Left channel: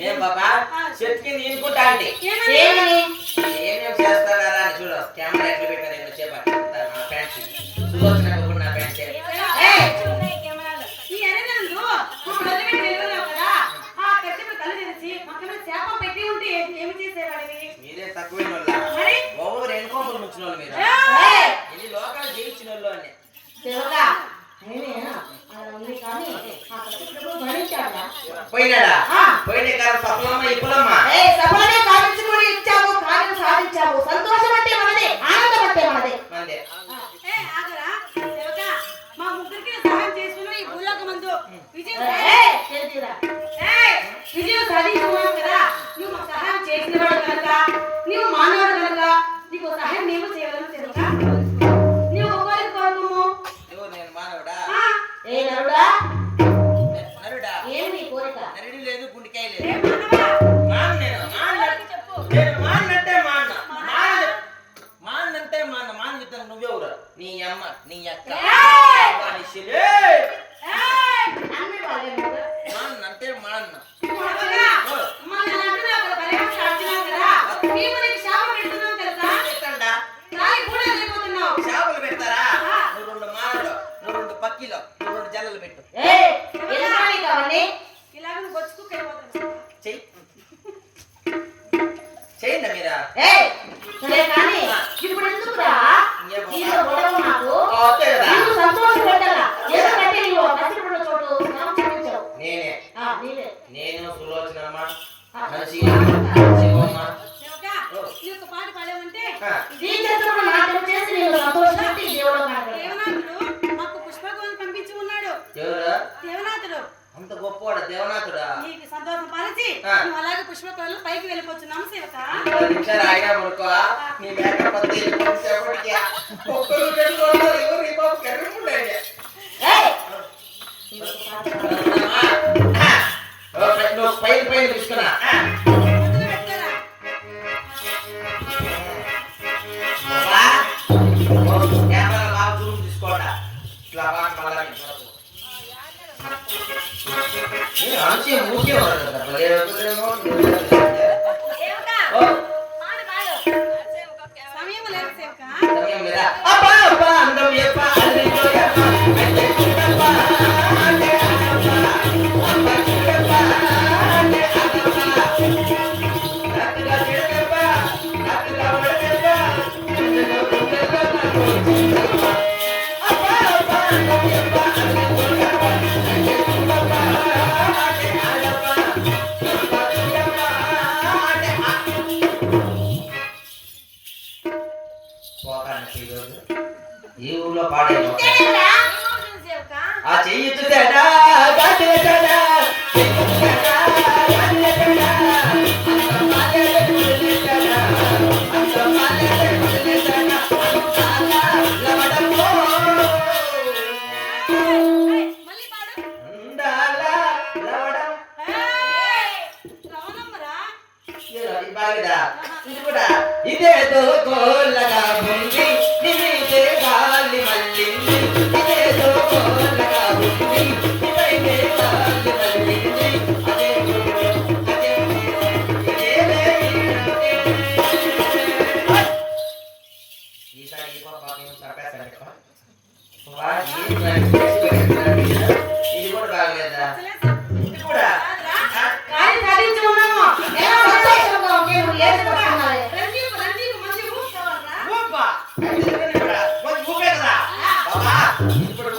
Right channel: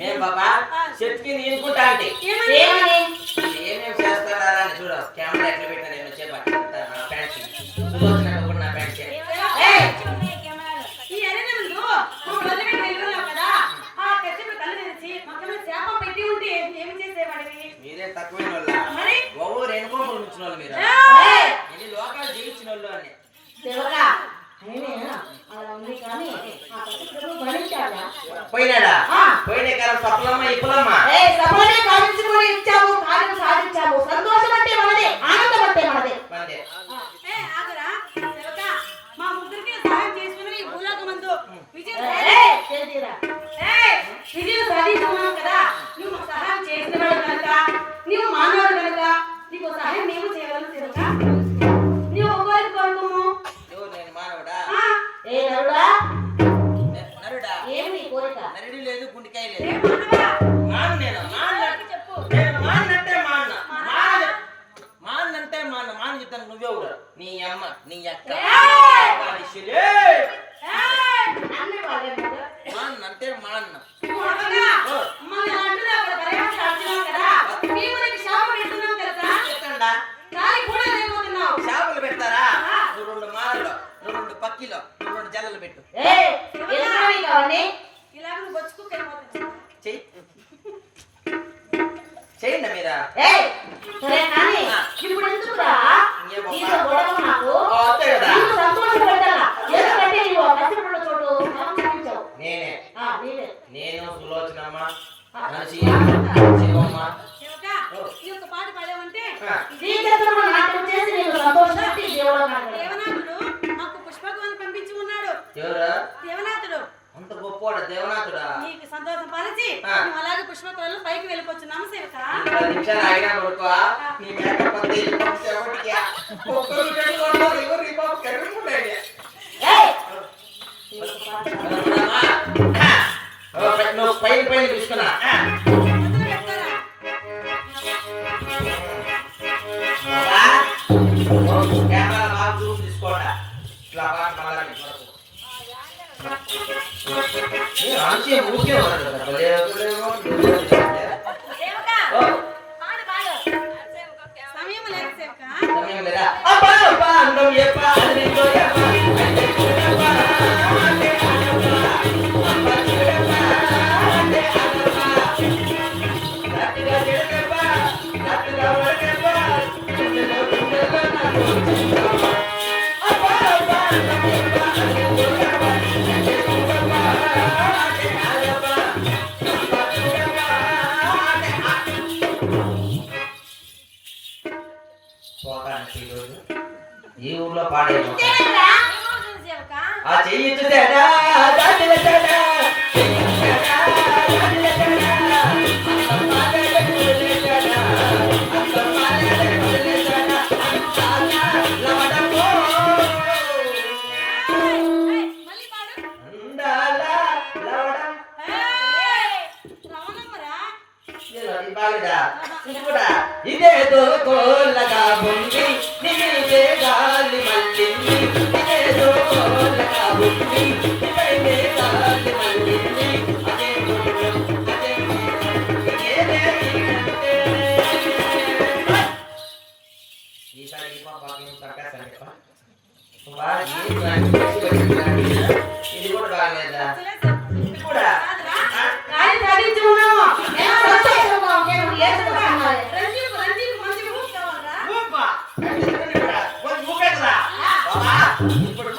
నేను బాబా చెట్టుకి నీనుకుంటా అంటే ఏమని ఏం చేస్తారా అని చూడు కెమెరా ఎట్లా పెట్టాను నేను చెప్పాను నా ఫ్యాన్స్ సులోచన నా ఫ్యాన్స్ మీరే తక్కువైన వాళ్ళు ఓవర్ ఎన్కౌంటర్ వచ్చిన వాళ్ళు మీరు ఇది లోకల్ జీవించిన వాళ్ళు అని పోయినాడా పోయిన కాలం సఫలమ్మ ఇప్పులమ్మ ఇచ్చాము కార్యం సాధించాము సంతోషం అంటే మనదే ఆనందం అంటే మనదే మనదే మా ముగ్గురికి సహాయం చేసుకుని ఈ భూలోకమందు విజయం సాధించుకున్నాం కదా. నువ్వు మాకు సహాయం చేసినవాడు కనుక నీవు మానవుడు కనుక నీకు సహాయం మేము చేయగలను తెలుసా. నీవు ఒకరికి కోరుకోము. నేను మానవుడా ఏ నరుడా నరుడా ఏమి కోరిక నరుడు లేదు గుండెకాయ లేదు ఏ మానవా మాన చెప్పు. నేను మానంటే మానంటే మాన చెప్తాను నువ్వెవరు నీ అమ్మ నీ అక్క మానంటే మాన్న చేపలు పెడతారా నువ్వు రెండు మానలు నువ్వు రెండు పక్కిలో నువ్వు రెండు జల్లలు పెట్టు చెయ్యి చేయండి మీరా నేను సులోచనమ్మ శివమ్మ మాకు పుష్పకం పంపించి ఉన్నాడు ఎవరా దేవనాథుడు. అంత గొప్పవాడు దేవనాథుడా నీకు సంతోషం పరిచి నువ్వు అలాగే పుష్పకళలో పైకి వెళ్ళిపోతున్నాము సేవక. 10 నిమిషాలు ఆగినా పడుకో నీ మేకపోతే సేపటికి ఒక్కరు ఎవరు ఈ బాబు కరుగుంటాయి నువ్వు పైన తీసుకున్నా తీసుకోడా ఇట్లా ఊరికే సమయం లేదు సేవక. ఈ ఊర్లో పాడే సేవక ఆ చెయ్యి ఇదేదో కోళ్ళగా బొంగి నిన్నే గాలి మల్లింది ఇదేదో కోళ్ళగా బొంగి నిన్నే గాలి మల్లింది అదే ఈసారి పాపకి తప్పేస్తాను ఇది కూడా బాగలేదా ఇది కూడా ఇప్పుడు